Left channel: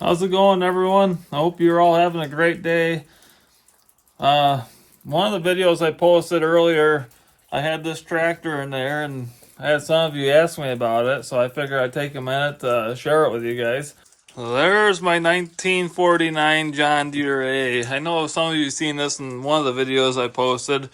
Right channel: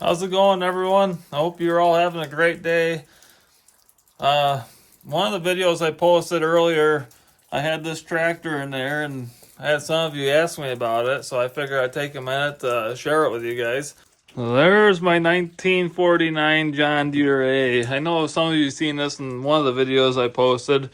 How's it going, everyone? I hope you're all having a great day. One of the videos I posted earlier, I had this tractor in there, and I had some of you ask me about it, so I figured I'd take a minute to share it with you guys. There's my 1949 John Deere A. I know some of you have seen this in one of the videos I posted, and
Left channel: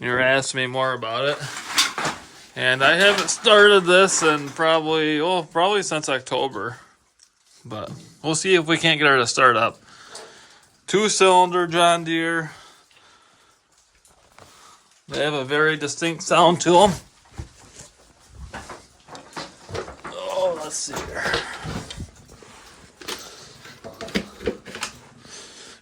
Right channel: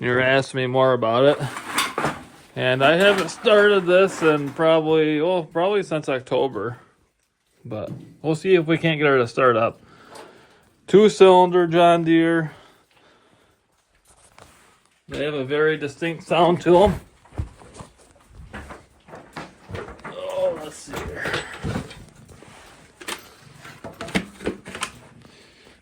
you're asking me more about it. And I haven't started this in probably since October. But we'll see if we can't get her to start up. 2-cylinder John Deere. They have a very distinct sound to them. Oh, let's see here.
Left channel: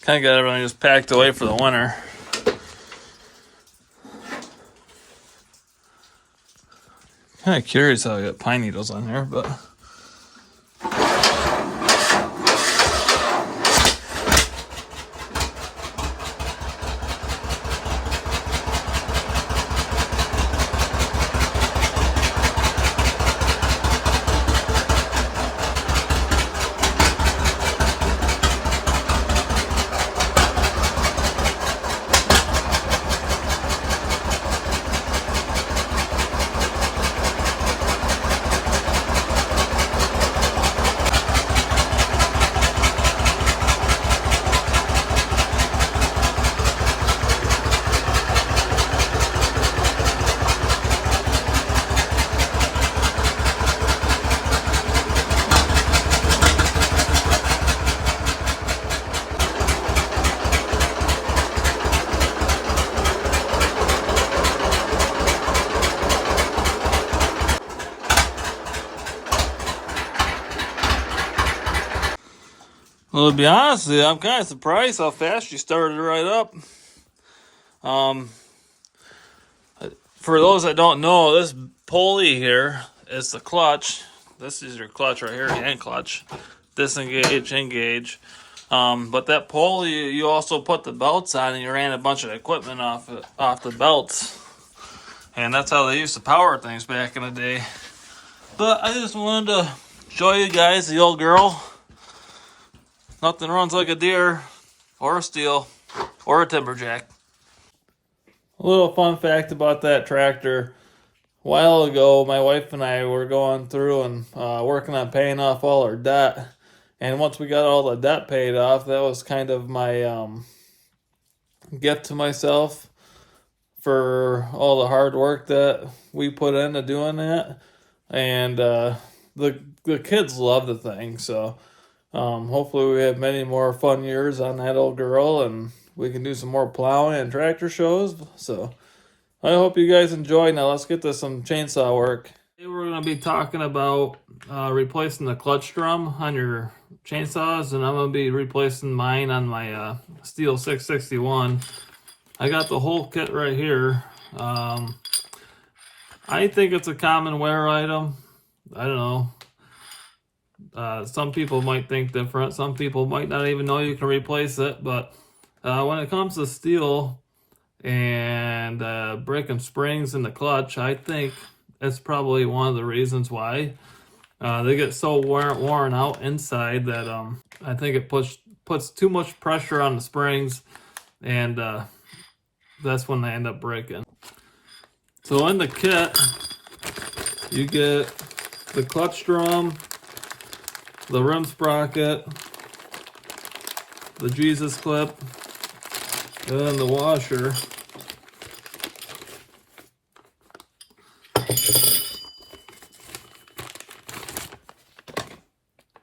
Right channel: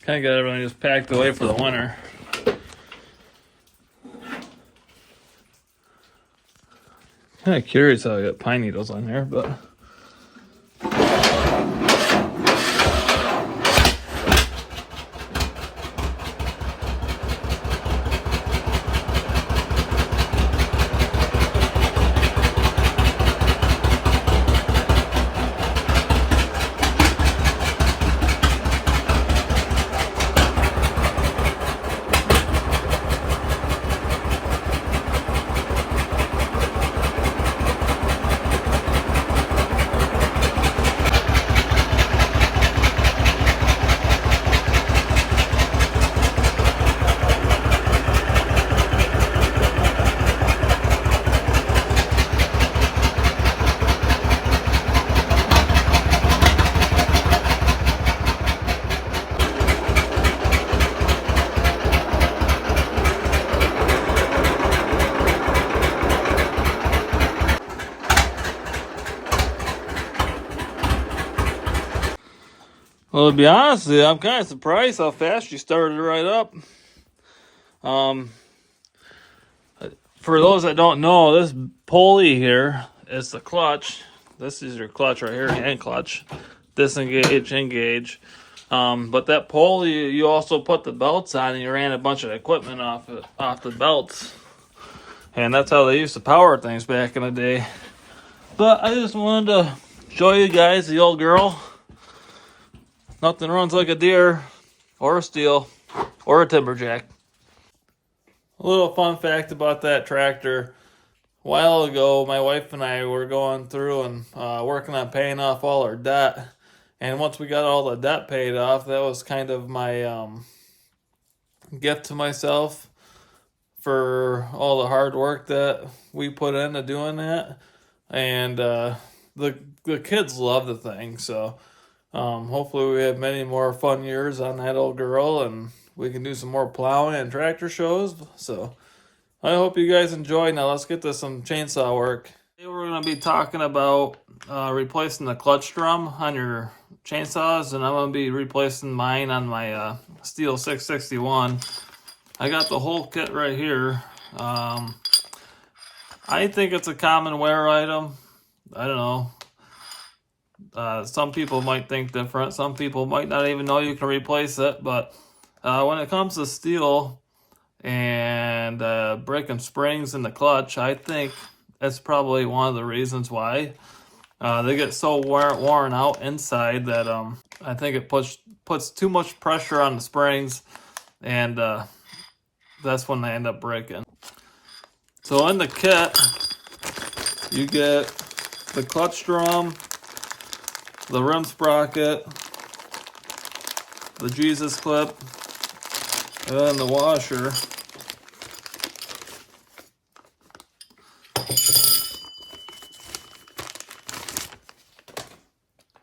Kind of got everything just packed away for the winter. Kind of curious how I got pine needles on here, but. Well, to be honest with you, I'm kind of surprised how fast she started right up. For those that don't know, this pulley here is the clutch. This is your clutch right here, hand clutch. Disengage, engage. But that pulley, you also put the belts on, and you ran a bunch of equipment off the belts. And that's how they used to power things back in the day. But I just wanted to show you guys the old girl. Nothing runs like a Deere, or a Stihl, or a Timberjack. A little fun fact about that tractor. A while ago, my wife and I were going through and working on paying off all our debt. And once we got all the debt paid off, that was kind of my gift to myself for all the hard work that we put into doing that. And the kids love the thing, so hopefully we have many more fun years on that old girl, and we can do some more plowing and tractor shows. So I hope you guys enjoy. Now let's get to some chainsaw work. Today we're going to be talking about replacing the clutch drum on your chainsaws, and I'm going to be replacing mine on my Stihl 661. I got the whole kit right here. I think it's a common wear item. I don't know. Some people might think different. Some people might not even know you can replace it. But when it comes to Stihl and breaking springs in the clutch, I think that's probably one of the reasons why. They get so worn out inside that I think it puts too much pressure on the springs, and that's when they end up breaking. So in the kit, you get the clutch drum, the rim sprocket, the Jesus clip, and then the washer.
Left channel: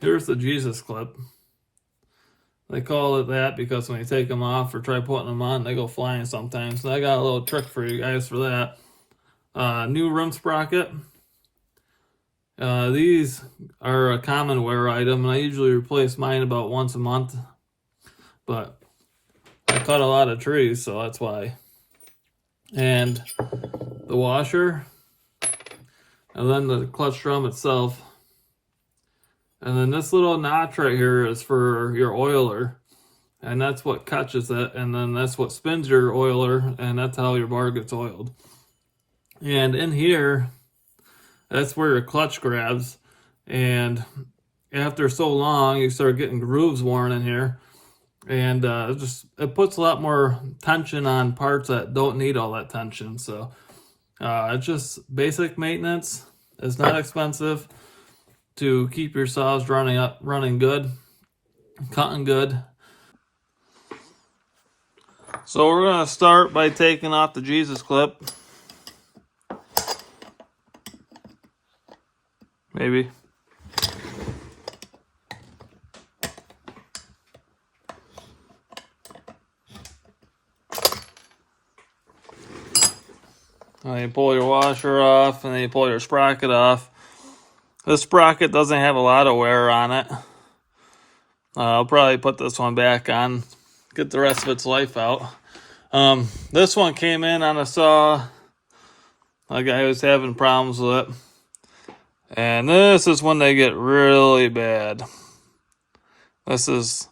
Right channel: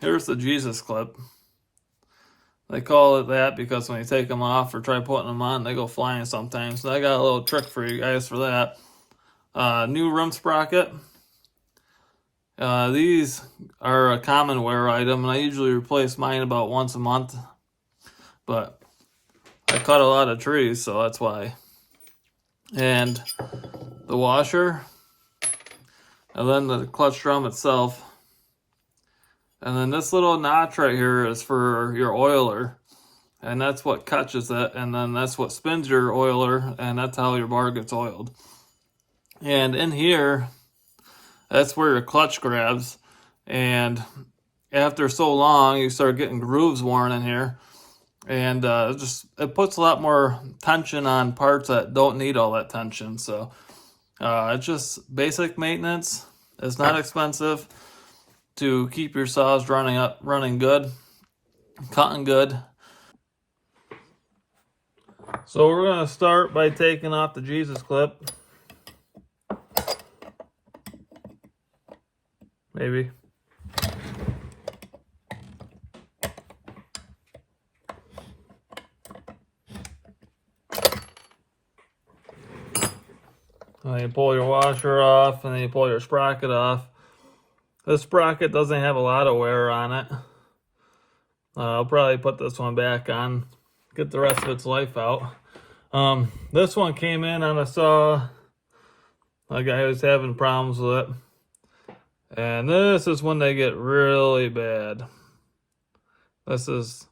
Here's the Jesus clip. They call it that because when you take them off or try putting them on, they go flying sometimes. So I got a little trick for you guys for that. New rim sprocket. These are a common wear item, and I usually replace mine about once a month. But I cut a lot of trees, so that's why. And the washer. And then the clutch drum itself. And then this little notch right here is for your oiler. And that's what catches it. And then that's what spins your oiler. And that's how your bar gets oiled. And in here, that's where your clutch grabs. And after so long, you start getting grooves worn in here. And it puts a lot more tension on parts that don't need all that tension. So it's just basic maintenance. It's not expensive to keep your saws running good, cutting good. So we're gonna start by taking off the Jesus clip. Maybe. And then you pull your washer off, and then you pull your sprocket off. This sprocket doesn't have a lot of wear on it. I'll probably put this one back on, get the rest of its life out. This one came in on a saw. A guy was having problems with it. And this is when they get really bad. This is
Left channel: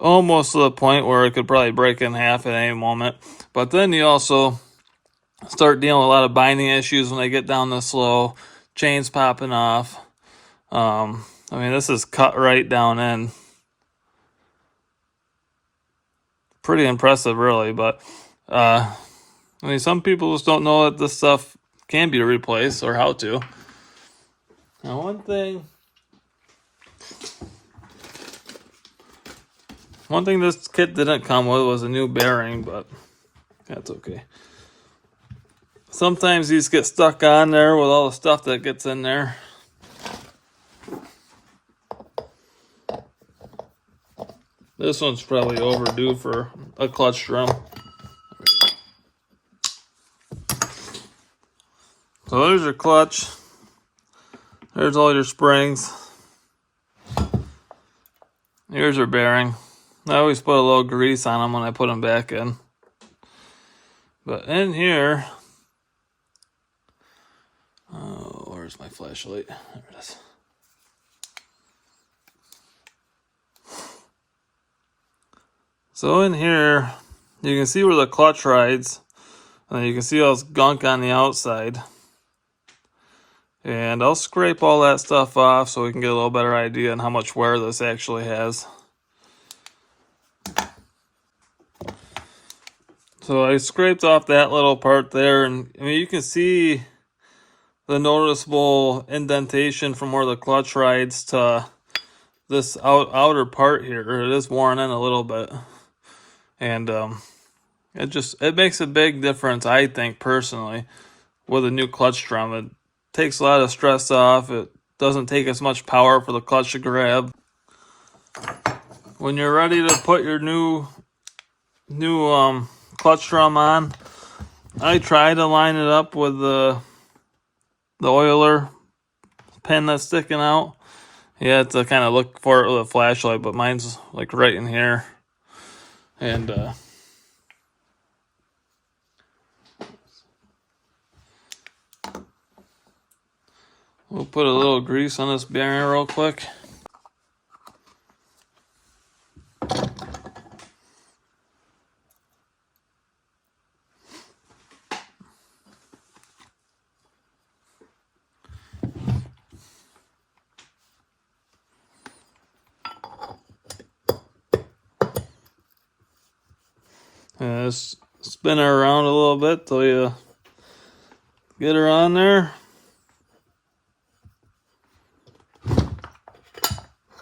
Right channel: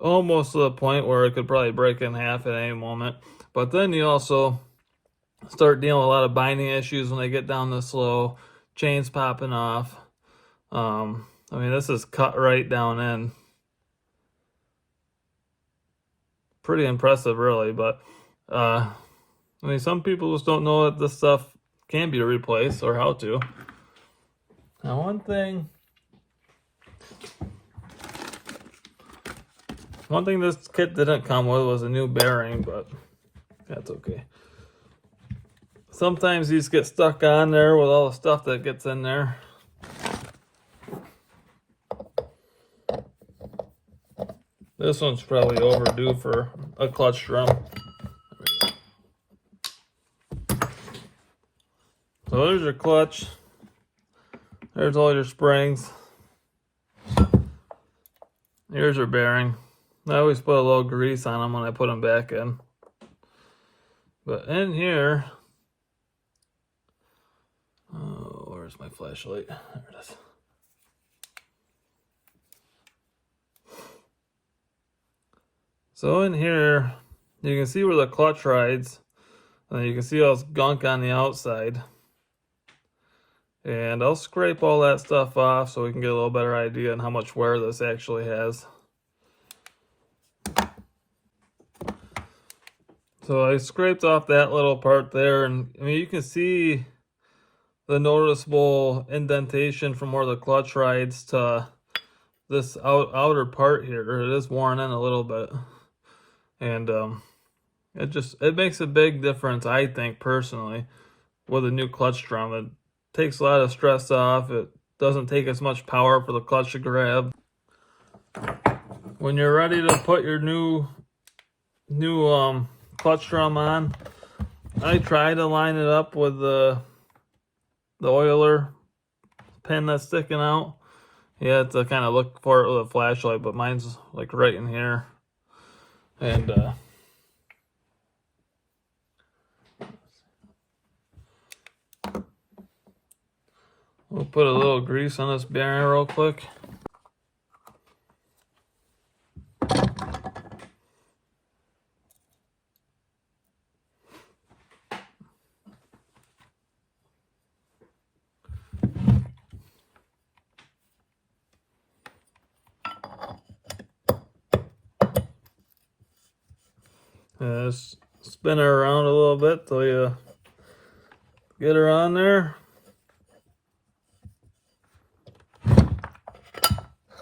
almost to the point where it could probably break in half at any moment. But then you also start dealing with a lot of binding issues when they get down this low. Chains popping off. I mean, this is cut right down in. Pretty impressive, really. But I mean, some people just don't know that this stuff can be replaced or how to. Now, one thing this kit didn't come with was a new bearing, but that's okay. Sometimes these get stuck on there with all the stuff that gets in there. This one's probably overdue for a clutch drum. So there's your clutch. There's all your springs. Here's your bearing. I always put a little grease on them when I put them back in. But in here, where's my flashlight? There it is. So in here, you can see where the clutch rides, and you can see all this gunk on the outside. And I'll scrape all that stuff off so we can get a little better idea on how much wear this actually has. So I scraped off that little part there, and I mean, you can see the noticeable indentation from where the clutch rides to this outer part here. It is worn in a little bit. And it makes a big difference, I think, personally, with a new clutch drum. It takes a lot of stress off. It doesn't take as much power for the clutch to grab. When you're ready to put your new clutch drum on, I try to line it up with the oiler pin that's sticking out. You have to kind of look for it with a flashlight, but mine's like right in here. And we'll put a little grease on this bearing real quick. And just spin her around a little bit till you get her on there.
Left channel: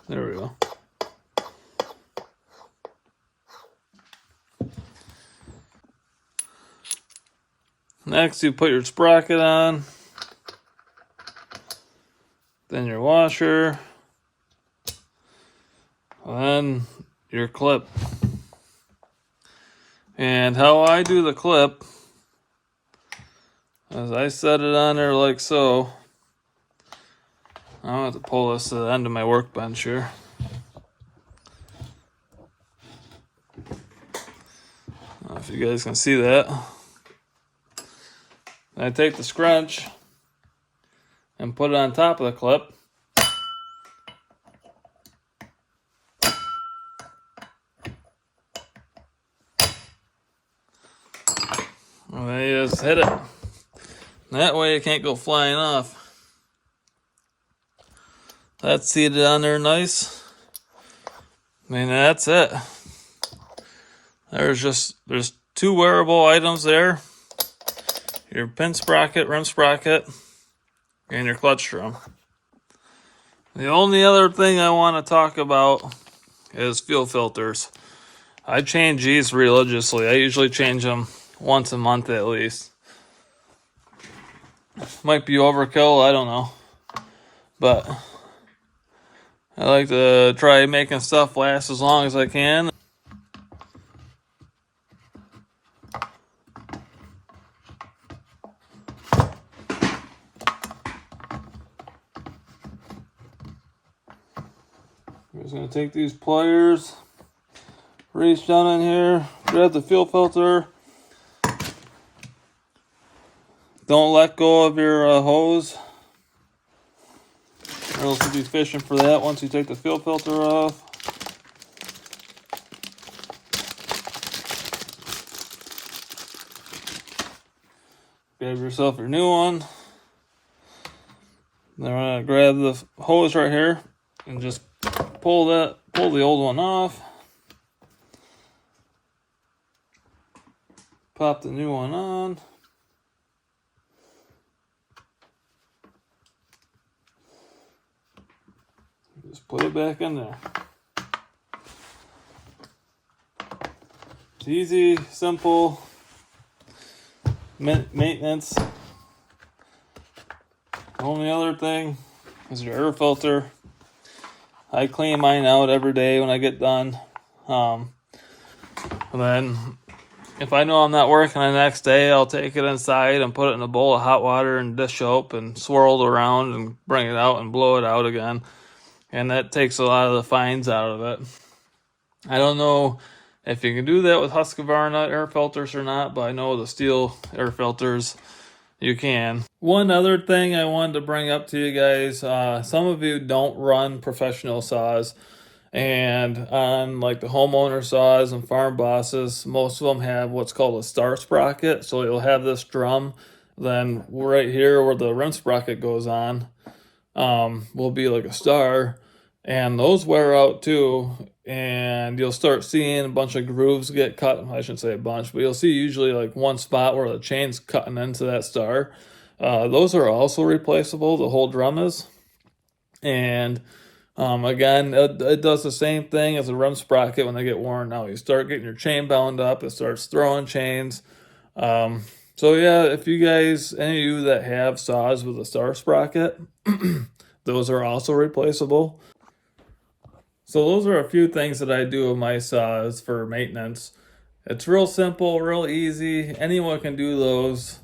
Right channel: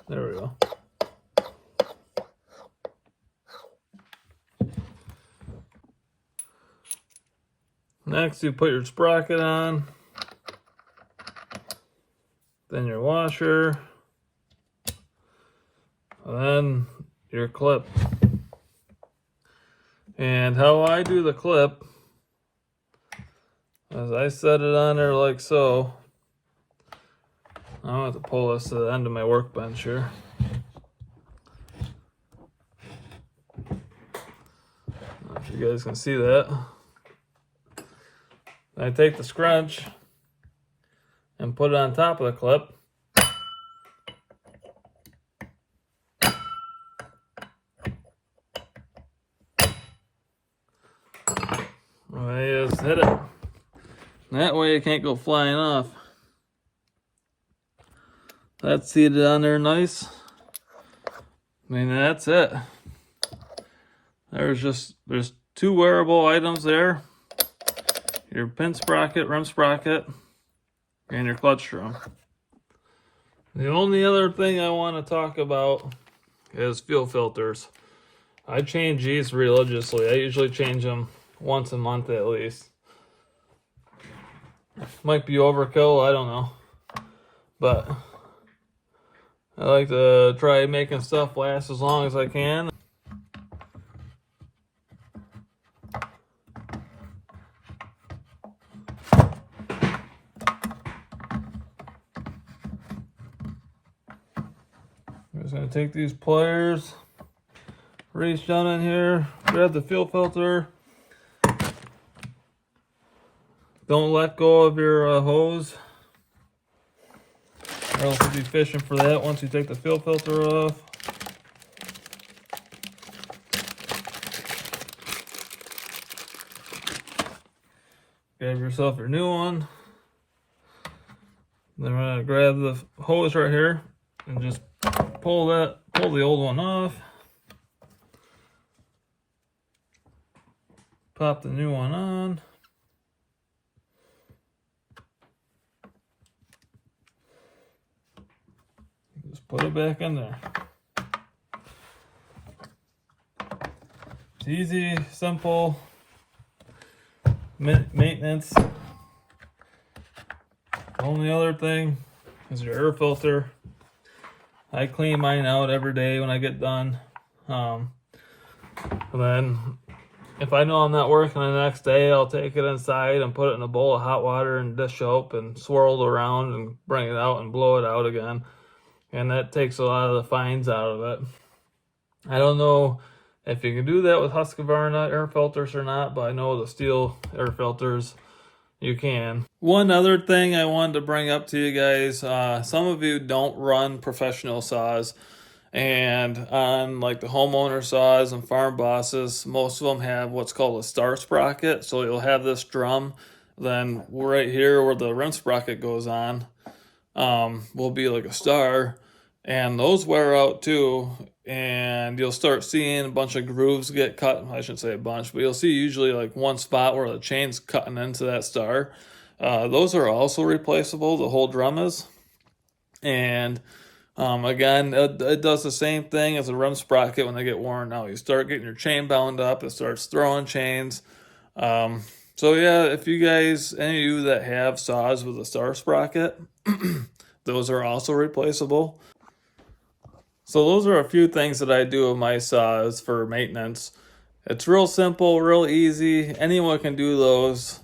There we go. Next, you put your sprocket on, then your washer, and then your clip. And how I do the clip is I set it on there like so. I'm going to have to pull this to the end of my workbench here. I don't know if you guys can see that. And I take the scrunch and put it on top of the clip. And then you just hit it. That way it can't go flying off. That's seated on there nice. I mean, that's it. There's two wearable items there. Your pin sprocket, rim sprocket, and your clutch drum. The only other thing I want to talk about is fuel filters. I change these religiously. I usually change them once a month at least. Might be overkill, I don't know. But I like to try making stuff last as long as I can. I'm just going to take these pliers, reach down in here, grab the fuel filter. Don't let go of your hose, or else you'll be fishing for that once you take the fuel filter off. Grab yourself a new one. Then I'm gonna grab the hose right here and just pull the old one off. Pop the new one on. Just put it back in there. Easy, simple maintenance. The only other thing is your air filter. I clean mine out every day when I get done. And then if I know I'm not working the next day, I'll take it inside and put it in a bowl of hot water and dish soap and swirl it around and bring it out and blow it out again. And that takes a lot of the fines out of it. I don't know if you can do that with Husqvarna air filters or not, but I know the Stihl air filters, you can. One other thing I wanted to bring up to you guys, some of you don't run professional saws, and on like the homeowner saws and farm bosses, most of them have what's called a star sprocket. So you'll have this drum, then right here where the rim sprocket goes on will be like a star, and those wear out too, and you'll start seeing a bunch of grooves get cut. I shouldn't say a bunch, but you'll see usually like one spot where the chain's cutting into that star. Those are also replaceable, the whole drum is. And again, it does the same thing as a rim sprocket when they get worn out. You start getting your chain bound up, it starts throwing chains. So yeah, if you guys, any of you that have saws with a star sprocket, those are also replaceable. So those are a few things that I do with my saws for maintenance. It's real simple, real easy. Anyone can do those.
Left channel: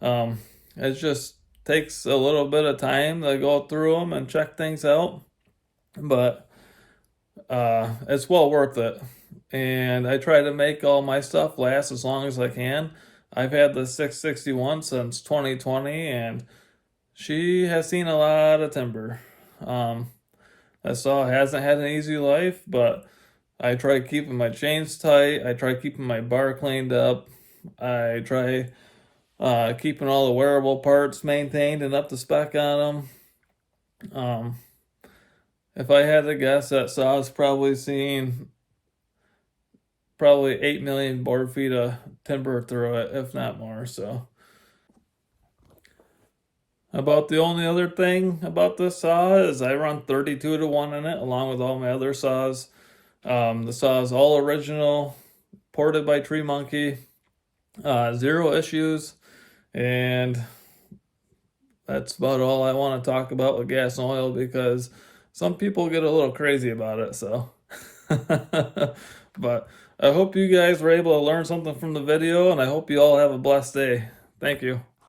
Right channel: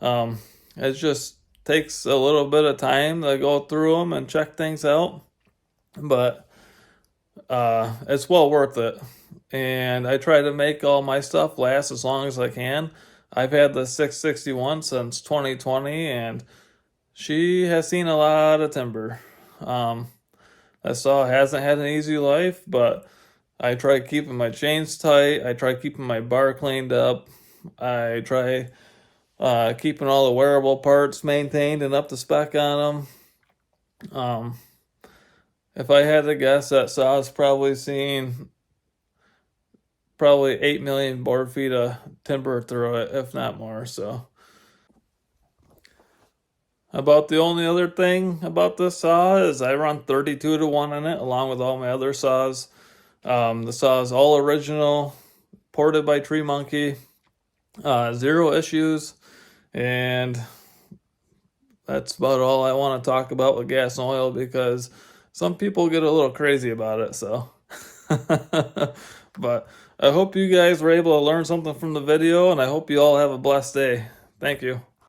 It just takes a little bit of time to go through them and check things out. But it's well worth it. And I try to make all my stuff last as long as I can. I've had the 661 since 2020, and she has seen a lot of timber. I saw hasn't had an easy life, but I try keeping my chains tight. I try keeping my bar cleaned up. I try keeping all the wearable parts maintained and up to spec on them. If I had to guess, that saw's probably seen 8 million board feet of timber through it, if not more. So about the only other thing about this saw is I run 32-to-1 in it, along with all my other saws. The saw is all original, ported by Tree Monkey, 0 issues, and that's about all I want to talk about with gas and oil, because some people get a little crazy about it. So, but I hope you guys were able to learn something from the video, and I hope you all have a blessed day. Thank you.